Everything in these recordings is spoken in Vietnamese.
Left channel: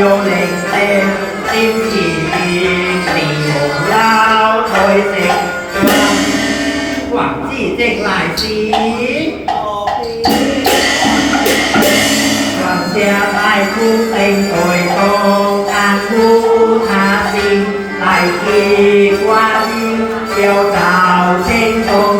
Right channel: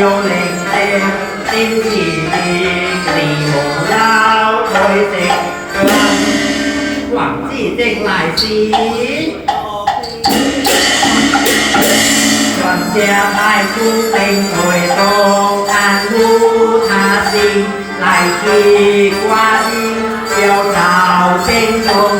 ยงเล่งเต้นติ้มจีตีตีโมงลาวคอยเต็งกลงหวังสีเต็งหลายสีความเสียบายคู่เต็งคอยตรงทางคู่ทาสิหลายปีกว่าที่เกี่ยวดาวเส้นตรง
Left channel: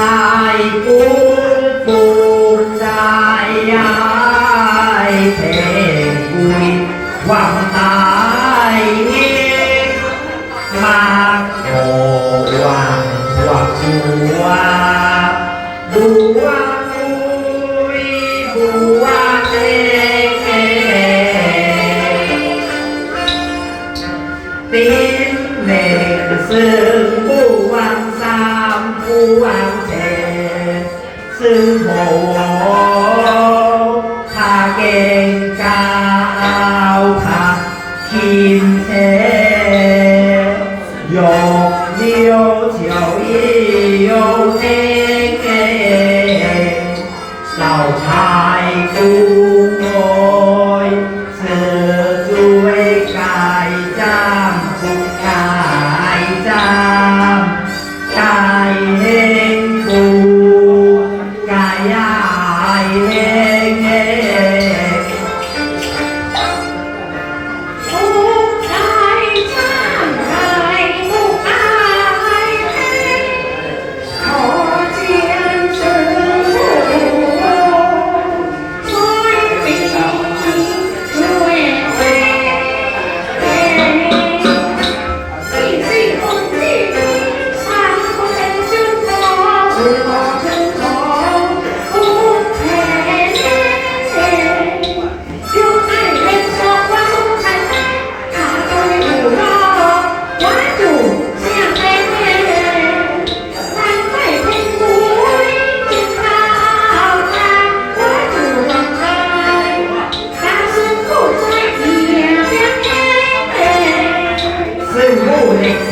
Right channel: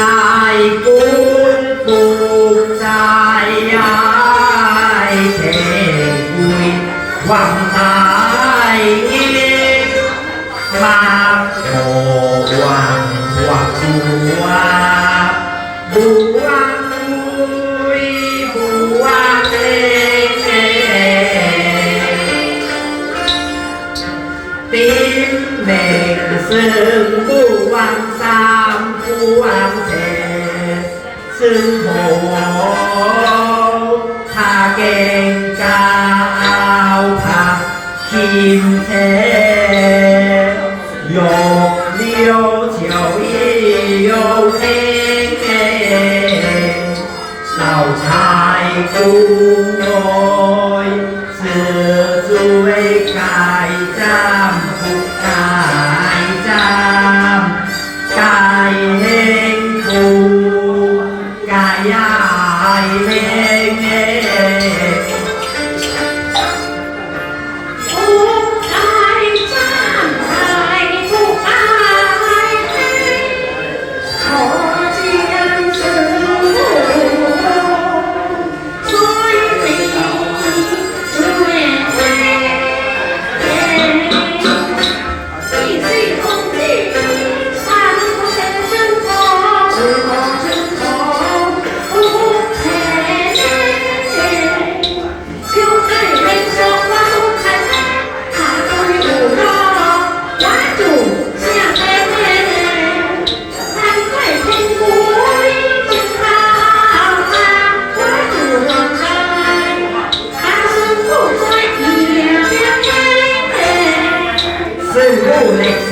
dài cũng buồn dài, ai thề vui hoàng tài nghe. Mang hồ hoàng hoàng hoa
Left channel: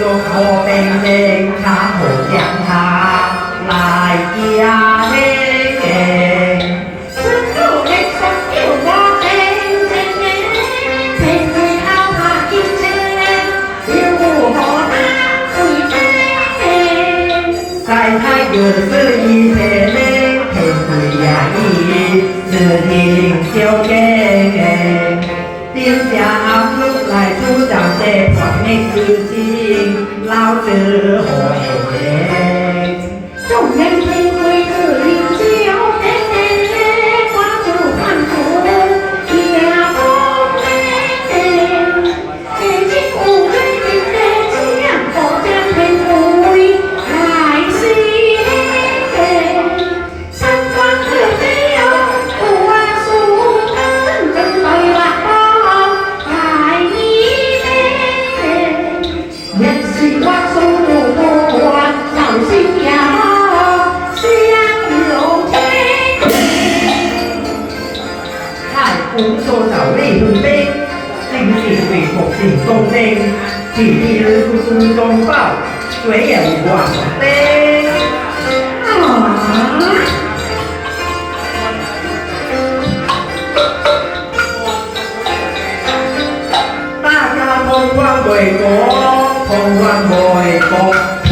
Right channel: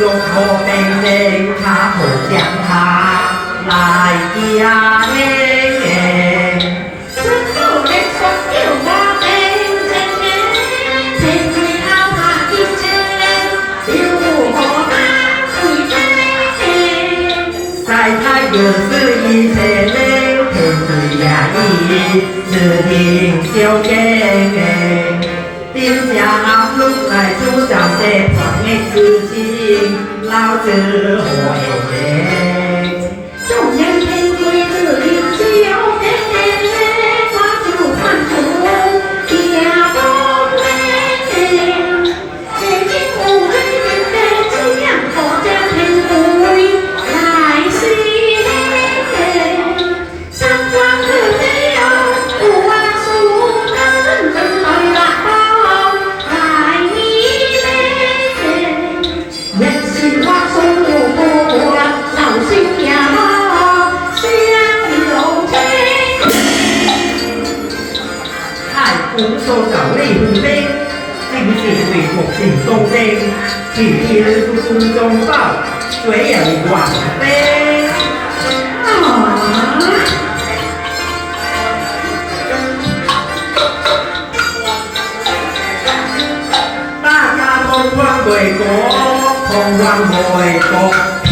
用我命令他好将他来家里。就是一些人，天不压抑，只听就给，丢下路来，主张这破。 ในคืนที่เราเจอโหวยเว ứng số sáu lì hương tê Tình chỉ thủy một tỉnh công tê Chỉ thi lưu tu tu trong bảo Chuế ẩn quảng tê Ta ca không qua bồi có Không qua bồi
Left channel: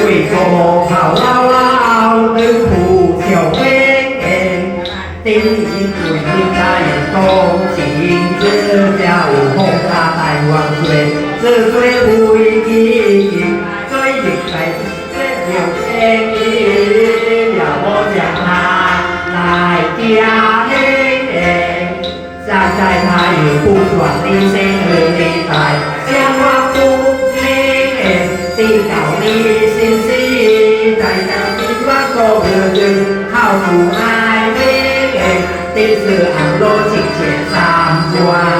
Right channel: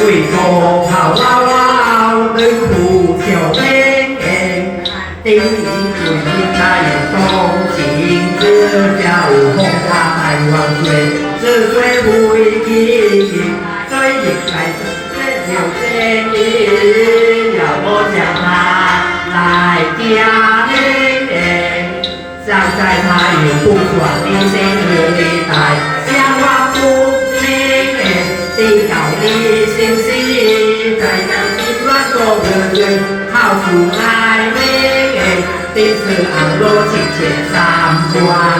กุ้ยโกงเผาเล่าเล่าดึงผู้เขียวเบ้งเองติ้งอีกุ่นที่ใจโตสิงเจอเจ้าหงทาไต้หวังเย่ซื่อเฟ้บุยกี้กิงจ้ยหยิบไปเสียวเองอีย่าบนอย่ามาลายเตียเองเจ้าใจไทยอยู่ผู้ขวดดีเซ็ง 日军号出来威力，第四昂罗请且上官。